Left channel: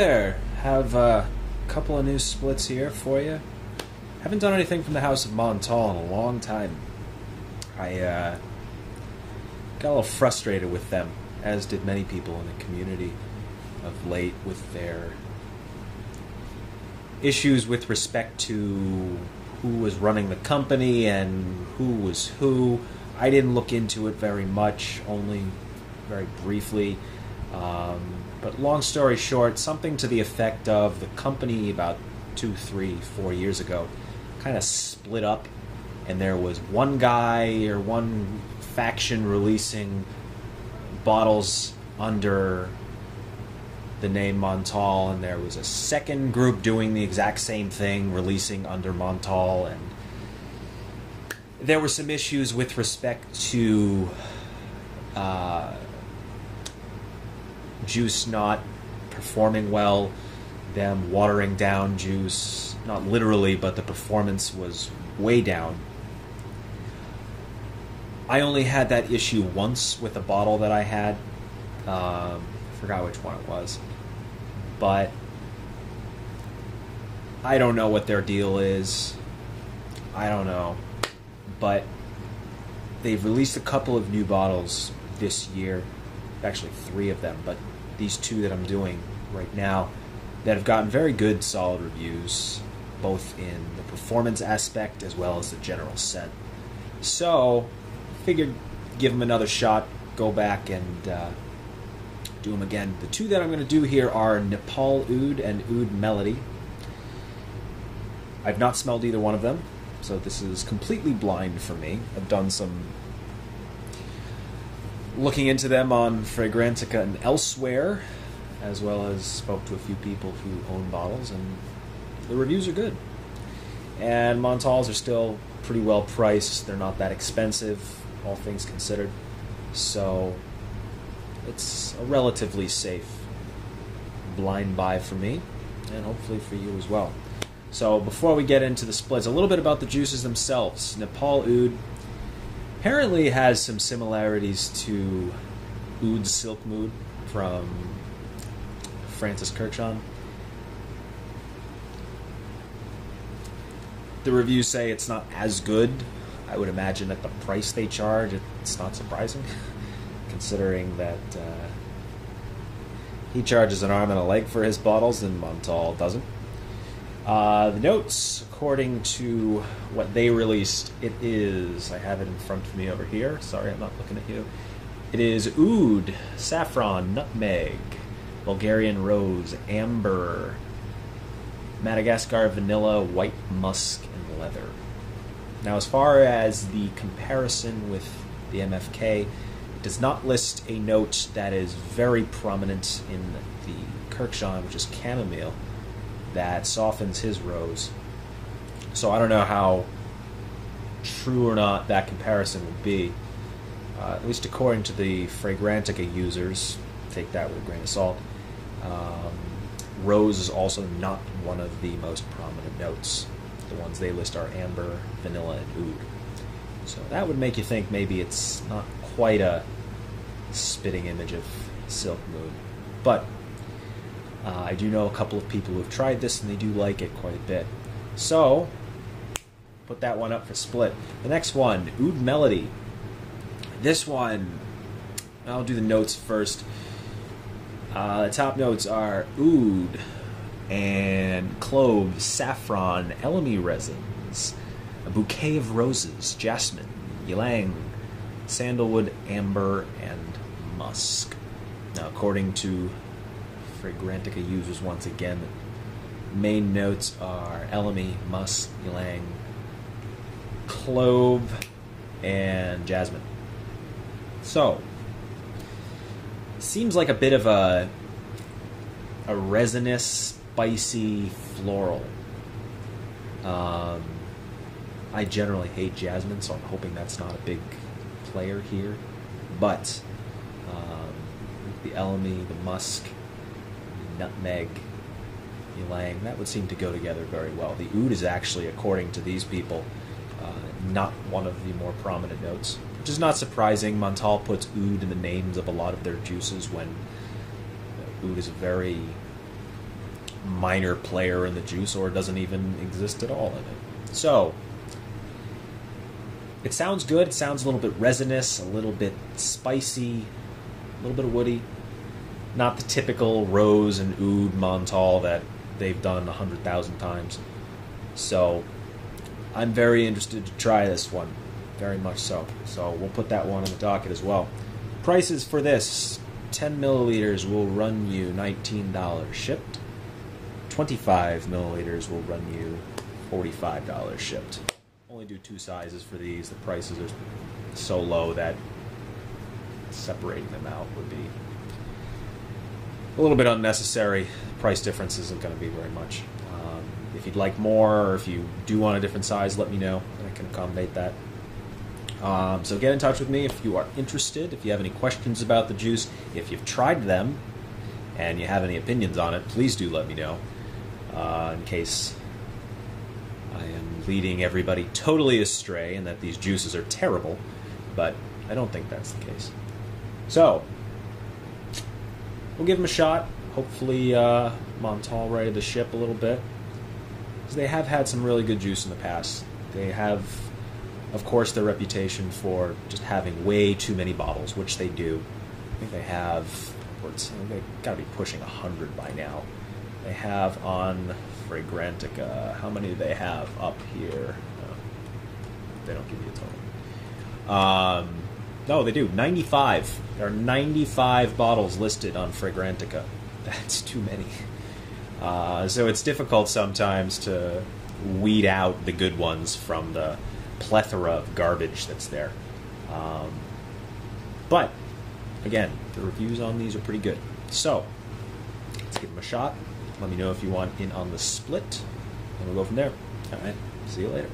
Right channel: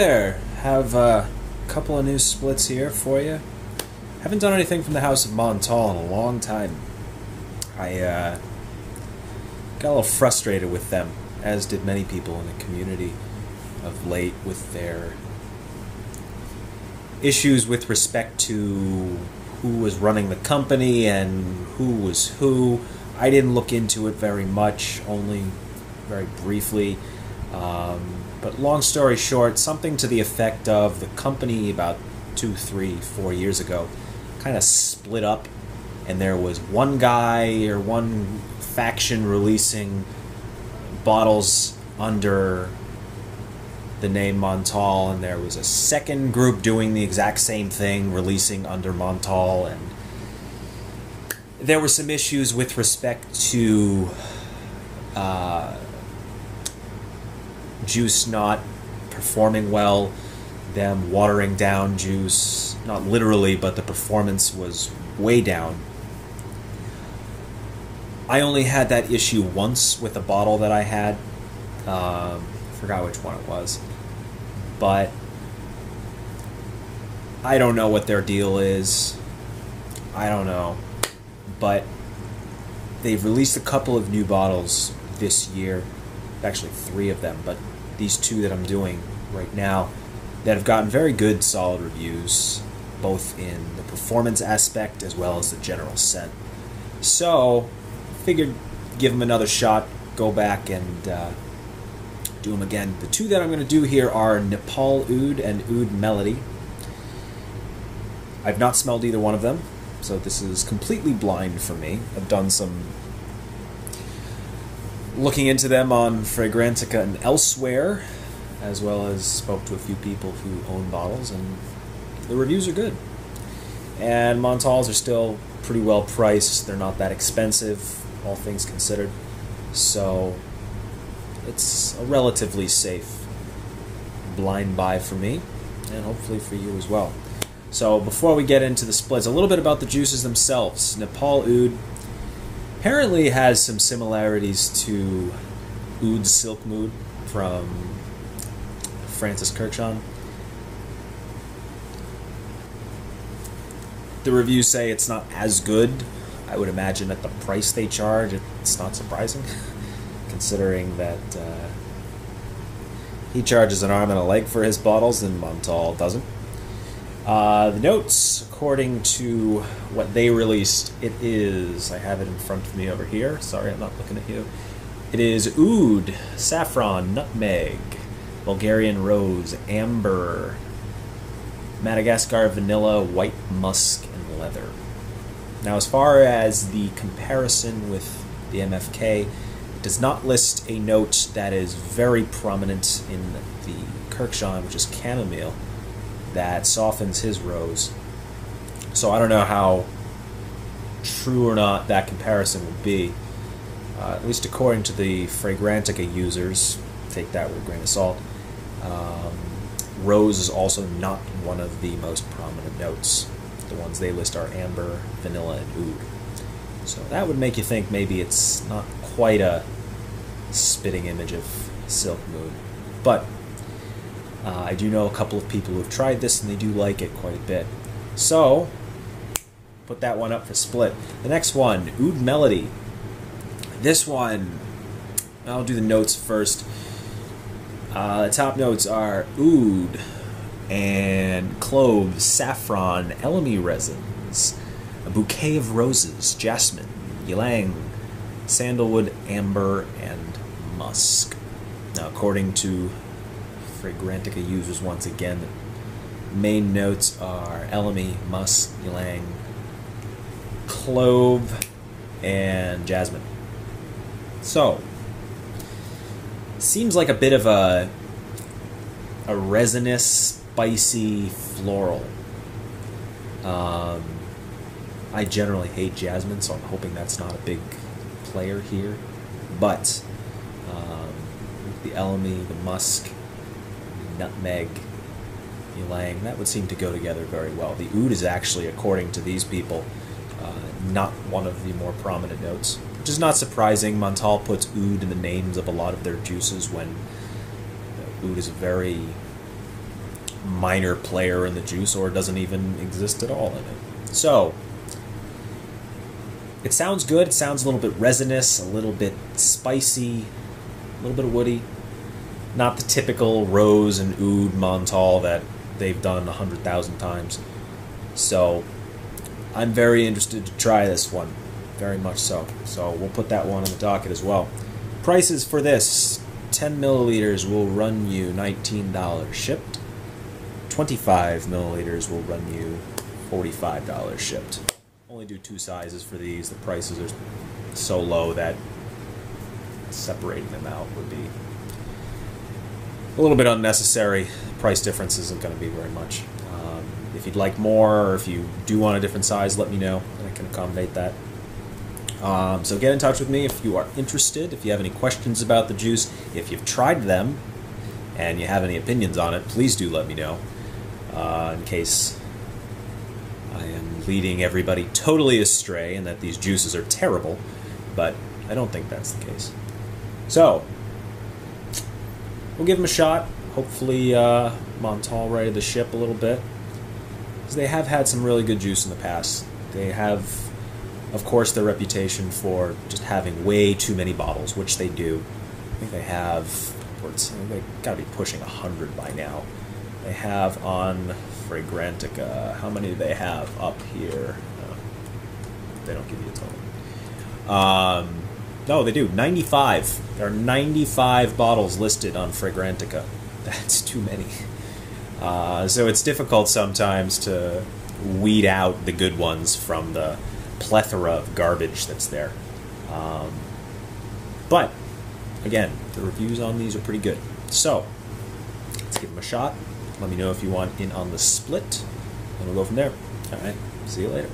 there! Have a couple of new splits here for you. Haven't done anything from the House of Montale in a long time. I got a little frustrated with them, as did many people in the community of late, with their issues with respect to who was running the company and who was who. I didn't look into it very much, only very briefly. But long story short, something to the effect of the company about 2, 3, 4 years ago kind of split up, and there was one guy or one faction releasing bottles under the name Montale, and there was a second group doing the exact same thing, releasing under Montale, and there were some issues with respect to juice not performing well, them watering down juice, not literally, but the performance was way down. I only had that issue once with a bottle that I had. Forgot which one it was. But I don't know what their deal is. I don't know. But they've released a couple of new bottles this year. Actually 3 of them, but these 2 that I'm doing right now that have gotten very good, solid reviews, both in the performance aspect as well as the general scent. So, figured give them another shot, go back and do them again. The 2 that I'm going to do here are Nepal Aoud and Oud Melody. I've not smelled either one of them, so this is completely blind for me. I've done some looking into them on Fragrantica and elsewhere, as well as spoke to a few people who own bottles, and the reviews are good. And Montales are still pretty well priced. They're not that expensive, all things considered. So it's a relatively safe blind buy for me, and hopefully for you as well. So before we get into the splits, a little bit about the juices themselves. Nepal Aoud apparently has some similarities to Oud Silk Mood from Francis Kirchhoff. The reviews say it's not as good. I would imagine at the price they charge, it's not surprising, considering that he charges an arm and a leg for his bottles and Montale doesn't. The notes, according to what they released, it is, I have it in front of me over here, sorry I'm not looking at you, it is oud, saffron, nutmeg, Bulgarian rose, amber, Madagascar vanilla, white musk, and leather. Now as far as the comparison with the MFK, it does not list a note that is very prominent in the Kirchhoff, which is chamomile, that softens his rose. So I don't know how true or not that comparison would be. At least according to the Fragrantica users, take that with a grain of salt, rose is also not one of the most prominent notes. The ones they list are amber, vanilla, and oud. So that would make you think maybe it's not quite a spitting image of Silk Mood. But I do know a couple of people who have tried this and they do like it quite a bit. So, put that one up for split. The next one, Oud Melody. This one, I'll do the notes first. The top notes are oud and cloves, saffron, elemi resins, a bouquet of roses, jasmine, ylang, sandalwood, amber, and musk. Now, according to Fragrantica users, once again, main notes are elemi, musk, ylang, clove, and jasmine. So, seems like a bit of a resinous, spicy, floral. I generally hate jasmine, so I'm hoping that's not a big player here. But the elemi, the musk, nutmeg, ylang, that would seem to go together very well. The oud is actually, according to these people, not one of the more prominent notes, which is not surprising. Montale puts oud in the names of a lot of their juices when oud is a very minor player in the juice, or doesn't even exist at all in it. So, it sounds good. It sounds a little bit resinous, a little bit spicy, a little bit of woody. Not the typical rose and oud Montale that they've done 100,000 times. So, I'm very interested to try this one. Very much so. So, we'll put that one on the docket as well. Prices for this: 10 milliliters will run you $19 shipped. 25 milliliters will run you $45 shipped. Only do 2 sizes for these. The prices are so low that separating them out would be a little bit unnecessary. The price difference isn't going to be very much. If you'd like more, or if you do want a different size, let me know, and I can accommodate that. So get in touch with me if you are interested. If you have any questions about the juice, if you've tried them, and you have any opinions on it, please do let me know, in case I am leading everybody totally astray and that these juices are terrible, but I don't think that's the case. So, we'll give them a shot. Hopefully Montale ready to ship a little bit, because they have had some really good juice in the past. They have, of course, their reputation for just having way too many bottles, which they do. I think they have, they've got to be pushing 100 by now. They have on Fragrantica, how many do they have up here? They don't give you a total. No, they do, 95. There are 95 bottles listed on Fragrantica. That's too many. So it's difficult sometimes to weed out the good ones from the plethora of garbage that's there. But, again, the reviews on these are pretty good. So, let's give them a shot. Let me know if you want in on the split, and we'll go from there. Alright, see you later.